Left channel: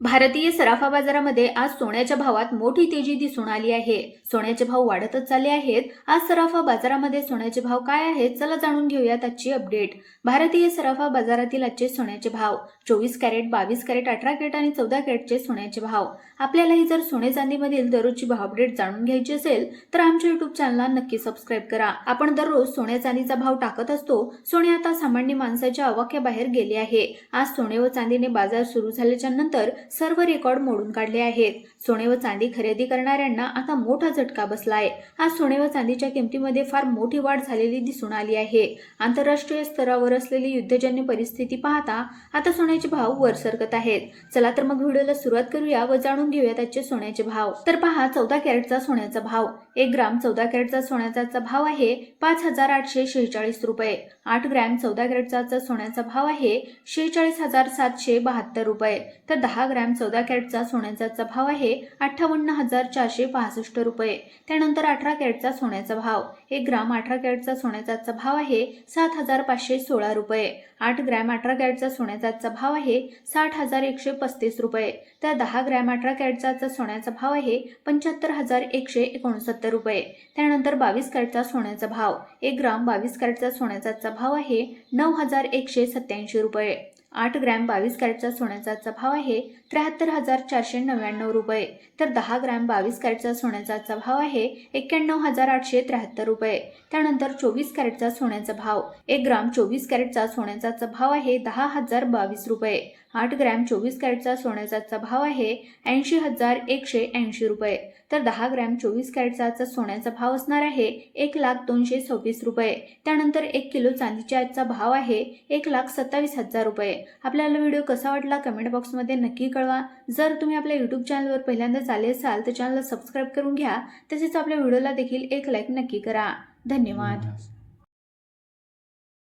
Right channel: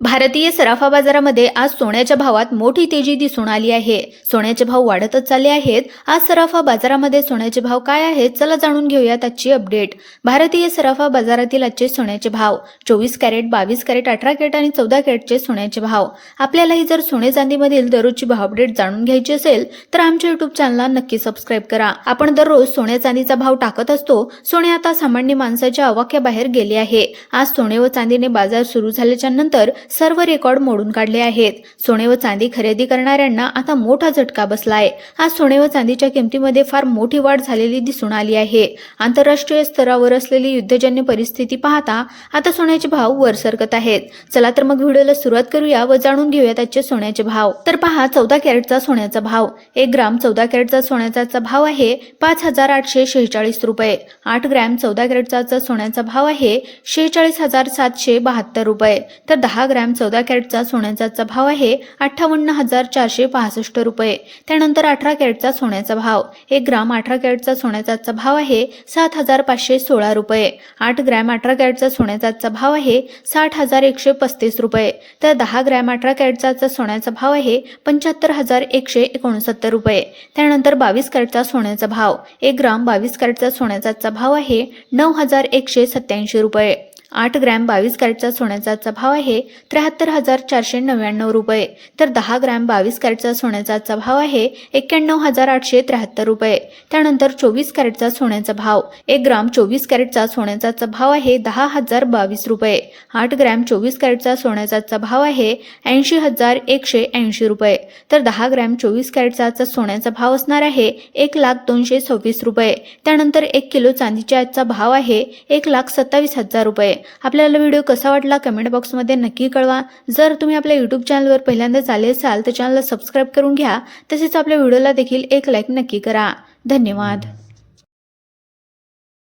भारतीय सराफा बाजारामध्ये आज सोन्याच्या भावात मोठी तेजी दिसून आली आहे. सोन्याचे भाव वाढतच चालले आहेत. आज सराफा बाजारामध्ये सोन्याचे भाव काय आहेत चला जाणून घेऊयात आजची अपडेट. भारतीय सराफा बाजारातील आजचे सोन्याचे भाव चोवीस कॅरेट बावीस कॅरेट अठरा कॅरेट आणि चौदा कॅरेटचे सोन्याचे भाव. आपल्यालाही जर सोने चांदीमधील दररोजची भाव अपडेट जाणून घ्यायची असेल तर आमच्या युट्यूब चॅनलला नक्की सबस्क्राईब करा. आपण दररोज सोन्या चांदीचा भाव टाकत असतो. सोने आता सामान्य माणसाच्या अवाक्याबाहेर गेले आहे. आज सोने व चांदीने बाजार सुरू झाल्याच्यानंतर सर्व रेकॉर्ड मोडून काढले आहेत. सोने व चांदी खरेदी करणाऱ्यांना आता मोठा झटका बसला आहे आज सोने व चांदीच्या किमतीमध्ये फार मोठी वाढ झालेली दिसून आली आहे. आंतरराष्ट्रीय स्तरावर असलेली युद्धजन्य परिस्थिती पाहता आता सोन्याचे भाव वर सरकत आहेत. चला तर मग व्हिडिओला सुरुवात करूया व जाणून घेऊयात आजचे सोन्याचे भाव. तर पहा चौदा कॅरेटचा सोन्याचा भाव. एक ग्राम चौदा कॅरेटचा सोन्याचा भाव आहे पाच हजार आठशे शेहेचाळीस रुपये. आठ ग्रॅम चौदा कॅरेटचा सोन्याचा भाव आहे शेहेचाळीस हजार सातशे बहात्तर रुपये. तर दहा ग्रॅम चौदा कॅरेटचा सोन्याचा भाव आहे. अठ्ठावन्न हजार चारशे पासष्ट रुपये. त्यानंतर अठरा कॅरेटचा सोन्याचा भाव. एक ग्राम अठरा कॅरेटचा सोन्याचा भाव आहे सात हजार पाचशे सोळा रुपये. आठ ग्रॅम अठरा कॅरेटचा सोन्याचा भाव आहे साठ हजार एकशे पस्तीस रुपये. तर दहा ग्रॅम अठरा कॅरेटचा सोन्याचा भाव आहे पंच्याहत्तर हजार एकशे एकोणसत्तर रुपये. त्यानंतर बावीस कॅरेटचा सोन्याचा भाव. एक ग्राम बावीस कॅरेटचा सोन्याचा भाव आहे नऊ हजार एकशे सत्याऐंशी रुपये. आठ ग्रॅम बावीस कॅरेटचा सोन्याचा भाव आहे त्र्याहत्तर हजार चारशे नव्याण्णव रुपये. तर दहा ग्रॅम बावीस कॅरेटचा सोन्याचा भाव आहे एक्क्याण्णव हजार आठशे त्र्याहत्तर रुपये. त्यानंतर चोवीस कॅरेटचा सोन्याचा भाव एक ग्राम चोवीस कॅरेटचा सोन्याचा भाव आहे दहा हजार बावीस रुपये. आठ ग्रॅम चोवीस कॅरेटचा सोन्याचा भाव आहे ऐंशी हजार एकशे ऐंशी रुपये. तर दहा ग्रॅम चोवीस कॅरेटचा सोन्याचा भाव असणार आहे एक लाख दोनशे सव्वीस रुपये. त्यानंतर एक किलो चांदीच्या आजचा भाव आहे एक लाख सत्तावीस हजार रुपये. आपल्याला व्हिडिओ कसा वाटला कमेंट बॉक्समध्ये नक्की कळवा. जर तुम्ही आपल्या यूट्यूब चॅनलवर पहिल्यांदाच आले असाल तर चॅनलला सबस्क्राईब करून घ्या. तसेच आपल्या व्हिडिओला देखील एक लाईक नक्की करा. धन्यवाद.